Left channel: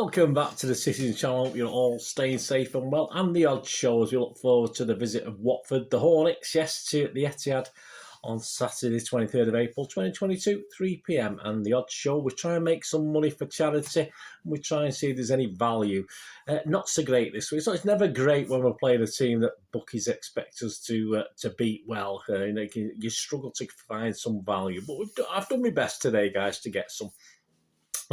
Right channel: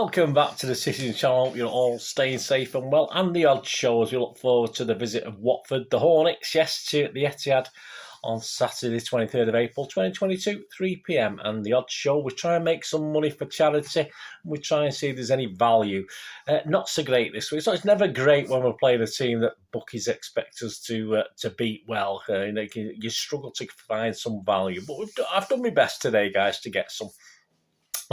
Welcome back to the Citizen Channel. Hope you're all staying safe and well. And the odd show as we look forward to the visit of Watford, the Hornets, yes, to the Etihad on Saturday, the 23rd of April, 2022, 3 p.m. And the odd show, we try and make some money for charity, and we try and see if there's any value. Not so great this week. So it's never great when we're playing a team that bookies expect us to beat well. You struggle to find some value. But I've done my best today, guys, to get some.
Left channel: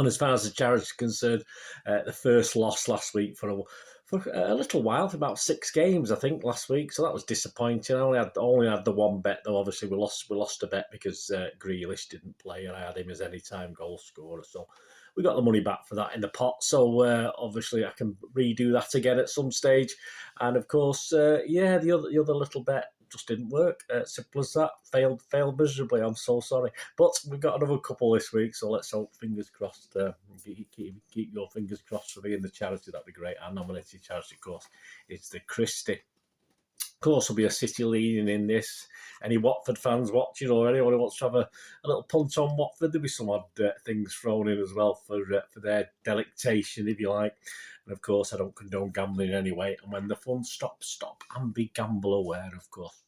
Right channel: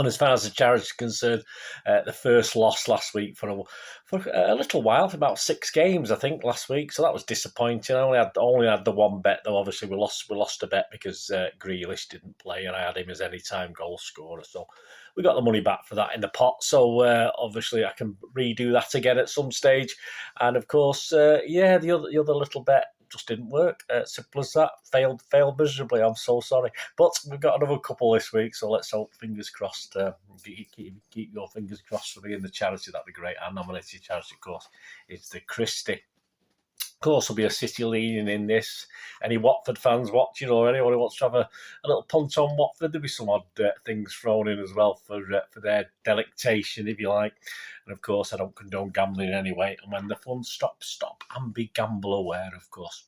And as far as the charity is concerned, the first loss last week for a little while, for about 6 games, I think, last week. So that was disappointing. I only had the one bet, though. Obviously, we lost a bet because Grealish didn't play, and I had him as any-time goal scorer. So we got the money back for that in the pot. So obviously, I can redo that again at some stage. And of course, the other little bet just didn't work. Simple as that. Failed miserably. I'm so sorry. But we've got another couple this week, so let's hope, fingers crossed. Keep your fingers crossed for me in the charity. That'd be great. Our nominated charity, of course, is the Christie. Of course, there'll be a City leaning in this. Any Watford fans watching, or anyone who wants to have a little punt on Watford, there'll be some odd things thrown in as well for their delectation, if you like. And of course, I don't condone gambling anyway. And when the fun stops, stop and be gamble aware, of course.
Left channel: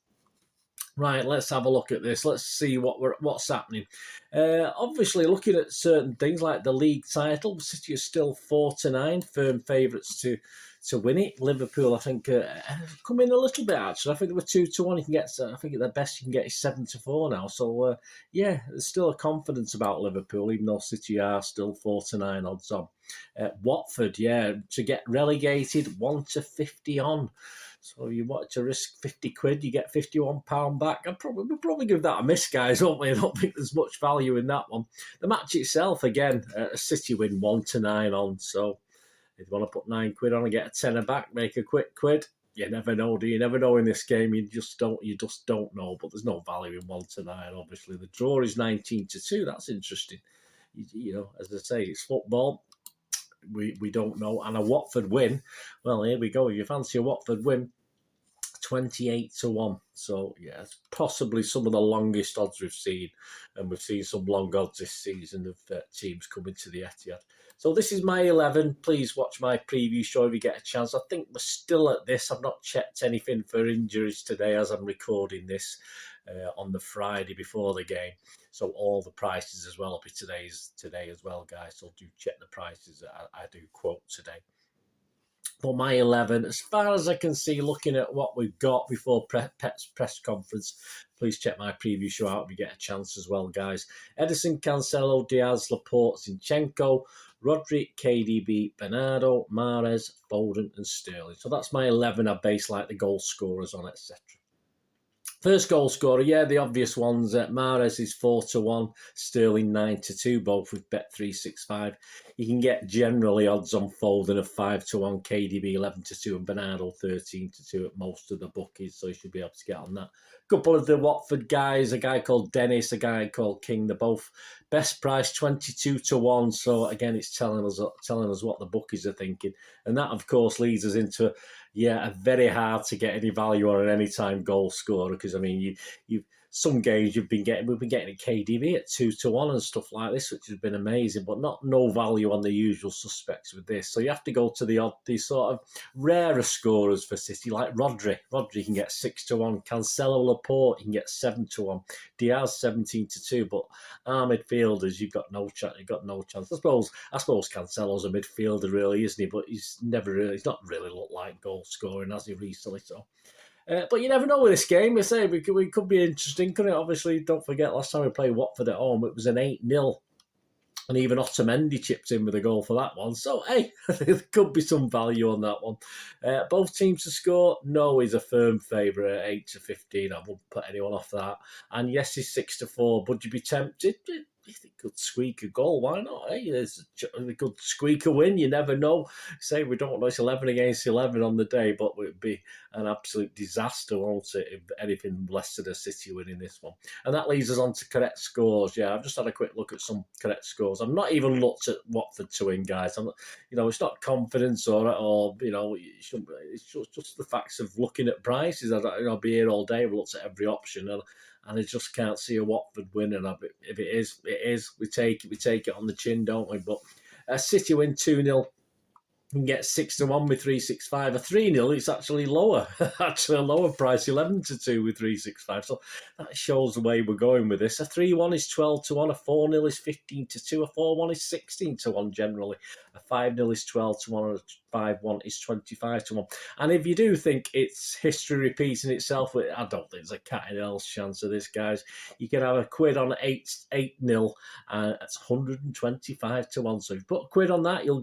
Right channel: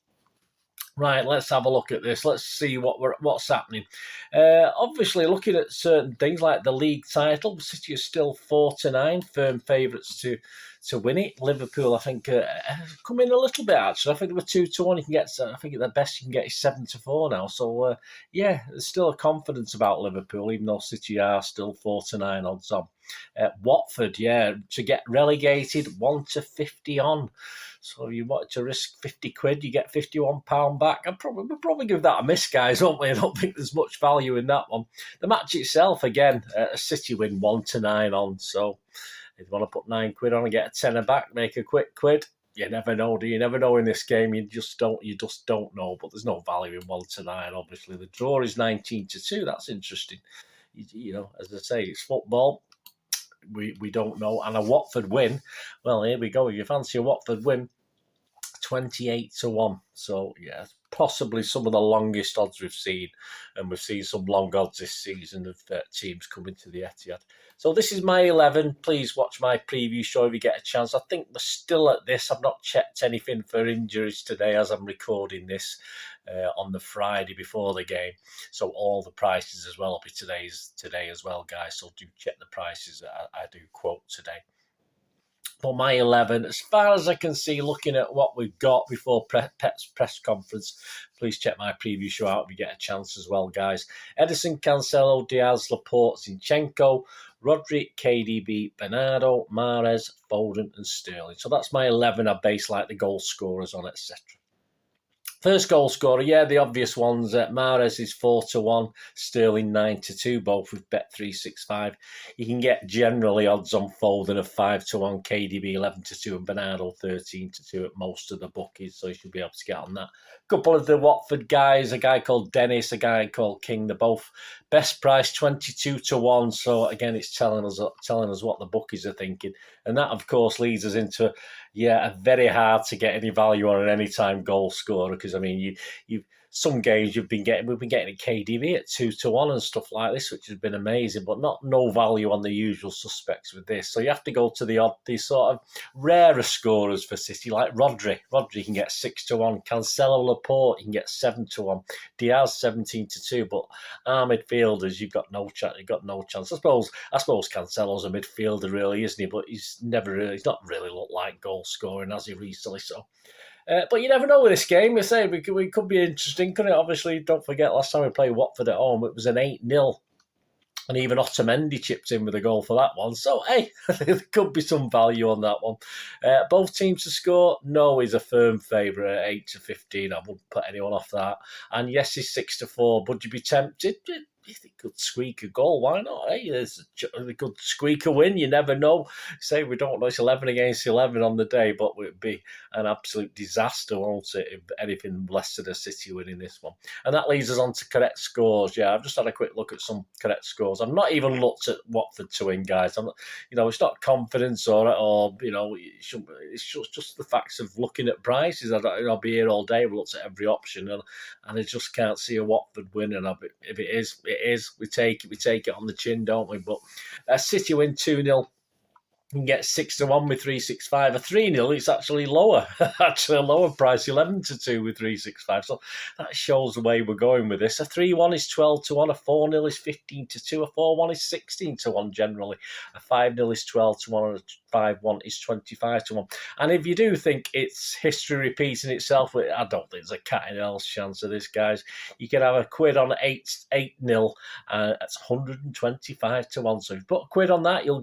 Right, let's have a look at this. Let's see what's happening. Obviously, looking at certain things like the league title, City is still 4-9, firm favourites to win it. Liverpool, I think, come in a little bit, actually. I think they were 2-1. You can get, I think the best you can get is 7-4 now. So, there's still a confidence about Liverpool, even though City are still 4-9 odds on. Watford, to get relegated, 1-50 on. So you want to risk 50 quid, you get £51 back. We'll probably give that a miss, guys, won't we? I don't think there's much value in that one. The match itself, again, a City win 1-9 on. So if you want to put 9 quid on and get a tenner back, make a quick quid. You never know, do you? Never know in this game. You just don't know. But there's no value in 1-9. Obviously, the draw is 19-2. That's interesting. You know, as I say, it's football. We don't know. And a Watford win, well, here we go. If you fancy a Watford win, 28-1. So, yeah, possibly some of the longest odds we've seen. And we've seen some long odds this season of teams coming to the Etihad. So this is my 11. Please watch my preview show if you get a chance. I think we're still at this. I've not checked anything for injuries today as I'm recording this on the Friday before the game. So all the prices as well will be today as well, guys. So do check the prices I do quote today. For my 11, as far as I can see, looking at what we've got before Pep's press conference, please check my preview show out if you get a chance as well, guys. Edison, Cancelo, Diaz, Laporte, Zinchenko, Rodri, KDB, Bernardo, Mahrez, Foden and Sterling. So that's my 11 I base like the goal scorers on, etc. First goal scorer, the obvious ones. Mahrez is 4-1, Sterling 9-2, both with Bet365. You can get generally odds on Foden of 5-1, KDB 11-2, and Bernardo 13-2 at most of the bookies, so you should be able to get on that. A couple of the Watford guys, a guy called Dennis, a guy called King, they're both best price 22-1. So again, it's telling us what the bookies are thinking, and that of course leads us into a very hard to get any value on an anytime goal scorer, because I mean you've some games we've been getting a KDB at 2-1 and stuff like this, which has been amazing, but no value on the usual suspects with this. So you have to go to the sort of rarer scorers for City, like Rodri. Rodri can get 6-1, Cancelo, Laporte, you can get 7-1, Diaz 17-2, but our midfielders, you've got no chance. I suppose Cancelo's a midfielder, really, isn't he? But he's not really looked like goal scoring, has he, recently? So. But you never know with this game. I say we could be interesting, couldn't it? Obviously, don't forget last time we played Watford at home, it was an 8-0. And even Otamendi chipped in with a goal for that one. So, hey, there could be some value on that one. Both teams to score. No, he's a firm favourite at 8-15. I wouldn't put anyone off that. And yes, he's 6-4. Would you be tempted? He could squeak a goal. Why not? Hey, they could squeak a win. You never know. Say we don't know. It's 11 against 11 on the day, but it would be an absolute disaster, won't it, if anything less than a City winning this one. And that leads us on to correct scores. I've just had a quick look at some correct scores. I've not even looked at Watford to win, guys. I'm not, it's not confidence or it's just the facts of looking at prices. I'll be here all day. We looked at every option, and I just can't see a Watford win. And if it is, we take it on the chin, don't we? But City win 2-0. You can get 6-1 with 365. A 3-0, it's actually lower. Actually, a lower price, 11-2 with 365. So that shows the way we're going with this. A 3-1 is 12-1. A 4-0 is 15-2. A 4-1 is 16-1 generally. A 5-0 is 12-1. And a 5-1 is 25-1. And if you do think it's history repeating itself, I don't think there's a cat in hell's chance of this, guys. You can have a quid on 8-0, and it's 125-1. So if you put a quid on that, you'll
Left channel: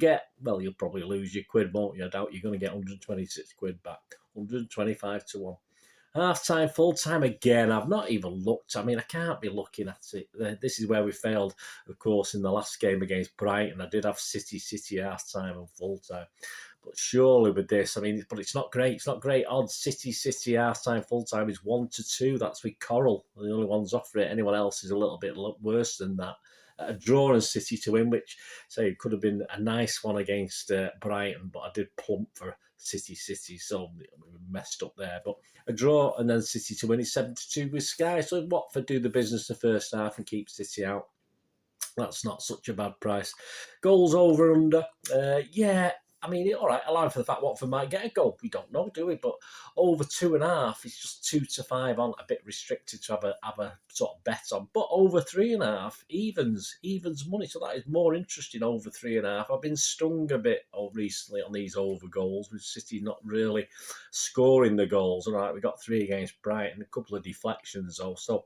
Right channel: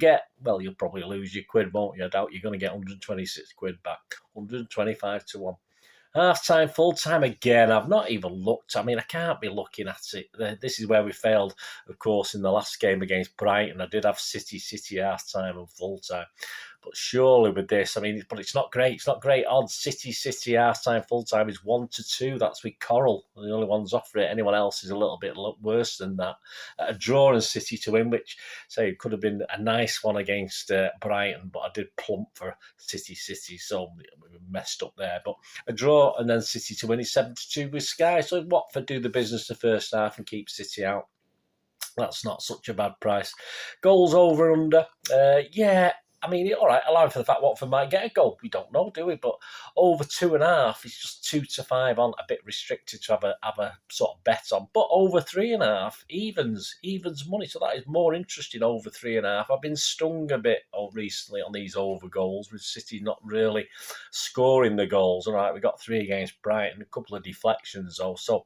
probably lose your quid, won't you? I doubt you're going to get 126 quid back. 125-1. Half-time, full-time again. I've not even looked. I mean, I can't be looking at it. This is where we failed, of course, in the last game against Brighton. I did have City half-time and full-time. But surely with this, I mean, but it's not great. It's not great odds. City half-time, full-time is 1-2. That's with Coral. The only ones offer it. Anyone else is a little bit worse than that. A draw and City to win, which, say, could have been a nice one against Brighton, but I did plump for City, so we messed up there. But a draw and then City to win is 7-2 with Sky. So Watford do the business the first half and keep City out. That's not such a bad price. Goals over under. Yeah. I mean, all right, allowing for the fact Watford might get a goal. We don't know, do we? But over 2.5 is just 2-5 on, a bit restricted to have a sort of bet on. But over 3.5 evens money, so that is more interesting. Over 3.5. I've been stung a bit recently on these over goals with City not really scoring the goals. All right, we got 3 against Brighton, a couple of deflections though, so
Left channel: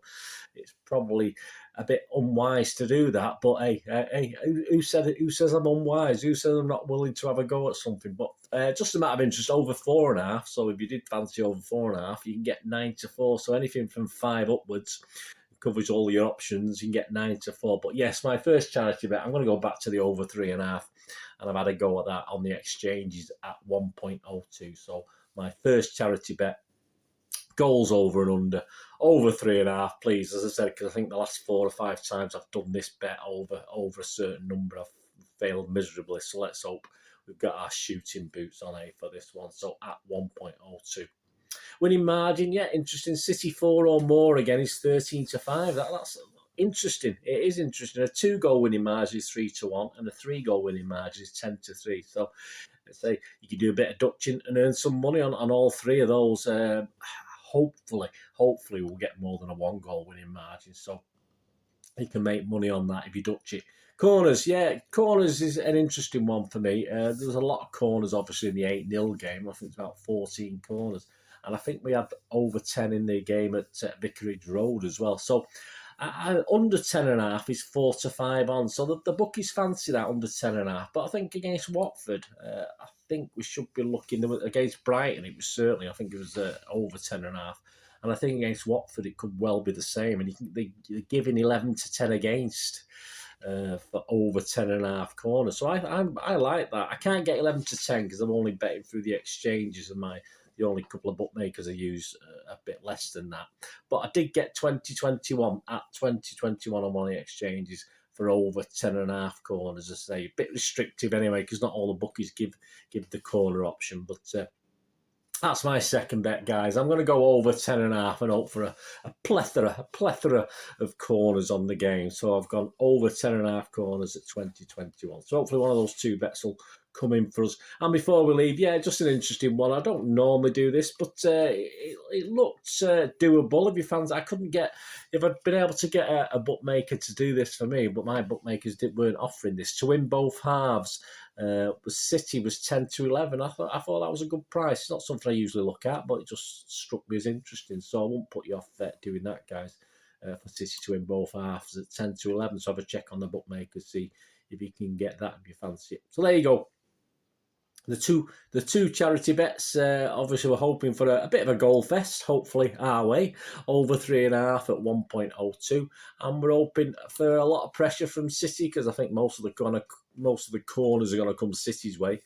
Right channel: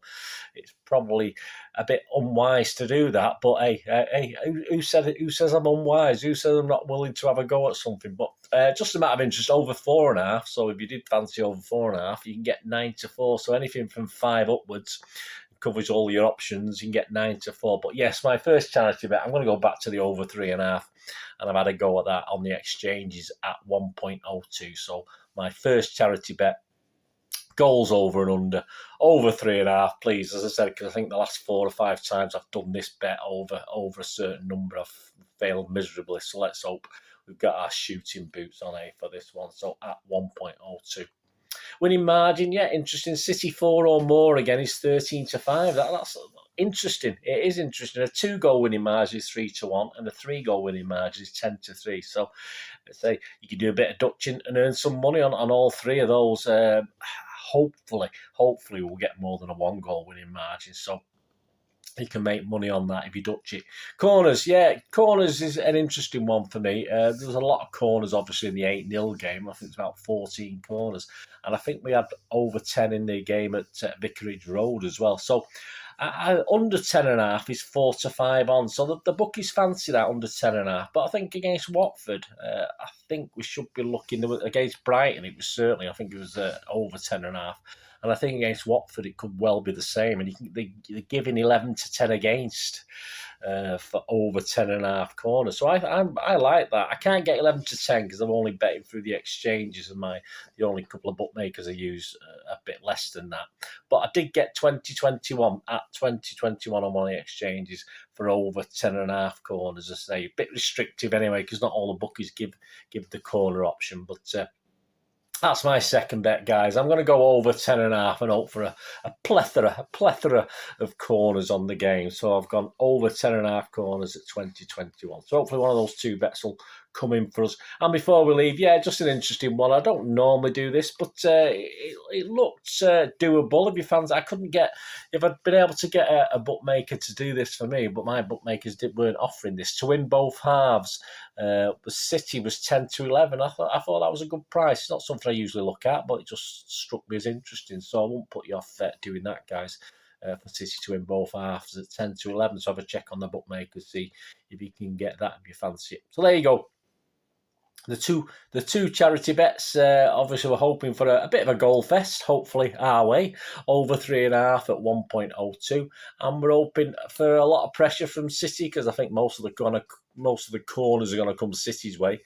it's probably a bit unwise to do that. But hey, who said it? Who says I'm unwise? Who says I'm not willing to have a go at something? But just a matter of interest, over 4.5. So if you did fancy over 4.5, you can get 9-4. So anything from 5 upwards covers all your options. You can get 9-4. But yes, my first charity bet, I'm going to go back to the over 3.5, and I've had a go at that on the exchanges at 1.02. So my first charity bet. Goals over and under, over 3.5, please. As I said, because I think the last 4 or 5 times I've done this bet over a certain number, I've failed miserably. So let's hope we've got our shooting boots on for this one. So at 1.02. Winning margin, yeah, interesting. City 4 or more again is 13-5. That's interesting. It is interesting. A 2-goal winning margin is 3-1, and a 3-goal winning margin is 10-3. So let's say you can do a bit of Dutching and earn some money on all 3 of those. Hopefully we'll get more than a 1-goal winning margin. So you can make money on that if you Dutch it. Corners, yeah, corners is an interesting one for me. There's a lot of corners, obviously, in the 8-0 game. I think it's about 14 corners. And I think we had over 10 in the game at Vicarage Road as well. So under 10.5 is 4-5 on. So the bookies fancy that under 10.5. But I think against Watford, I think we should be looking against Brighton. It was certainly, I think it was over 10.5. And I think against Watford, it could well be the same. And they're giving 11-10 against for over 10.5 corners. So I like that. I can't get 11-10 because I'm only betting through the exchanges, and the only couple of bookmakers I use a bit less than that. But I did get 20-21 at 20-21 on one of the exchanges for over 10.5 corners. As I say, a bit restrictive anyway, because not all the bookies give the corner option. But that's my second bet, guys. I'm going to go over 10.5 and hope for a plethora of corners on the game. So I've gone over 10.5 corners at 20-21. So hopefully one of those 2 bets will come in for us. And before we leave, yeah, just an interesting one. I don't normally do this, but it looked doable. If you fans, if I'd been able to get a bookmaker to do this for me, but my bookmakers weren't offering this to win both halves. The City was 10-11. I thought that was a good price. It's not something I usually look at, but it just struck me as interesting. So I won't put you off doing that, guys. For City to win both halves at 10-11. So have a check on the bookmakers, see if you can get that if you fancy it. So there you go. The two charity bets, obviously we're hoping for a bit of a goal fest, hopefully our way, over 3.5 at 1.02, and we're hoping for a lot of pressure from City because I think most of the corners are going to come City's way.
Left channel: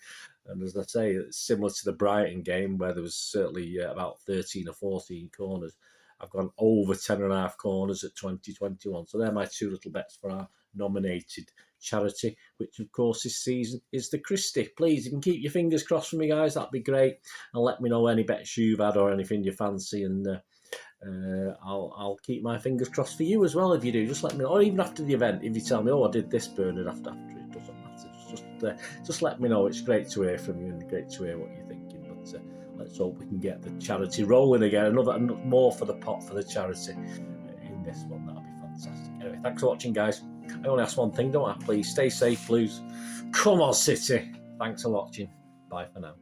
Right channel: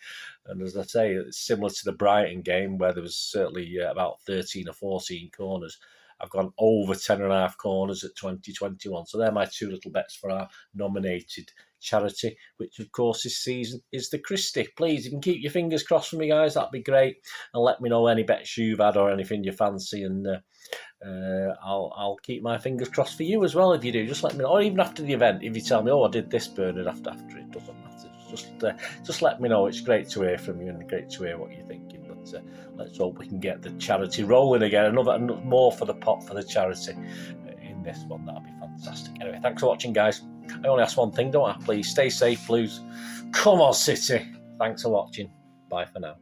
And as I say, it's similar to the Brighton game where there was certainly about 13 or 14 corners. I've gone over 10.5 corners at 20-21. So they're my 2 little bets for our nominated charity, which of course this season is the Christie. Please, you can keep your fingers crossed for me, guys. That'd be great. And let me know any bets you've had or anything you fancy, and I'll keep my fingers crossed for you as well if you do. Just let me know, or even after the event, if you tell me, oh, I did this, Bernard, after it doesn't matter. just let me know. It's great to hear from you and great to hear what you're thinking. But let's hope we can get the charity rolling again. Another more for the pot for the charity in this one. That'll be fantastic. Anyway, thanks for watching, guys. I only ask one thing, don't I? Please stay safe, Blues. Come on, City. Thanks for watching. Bye for now.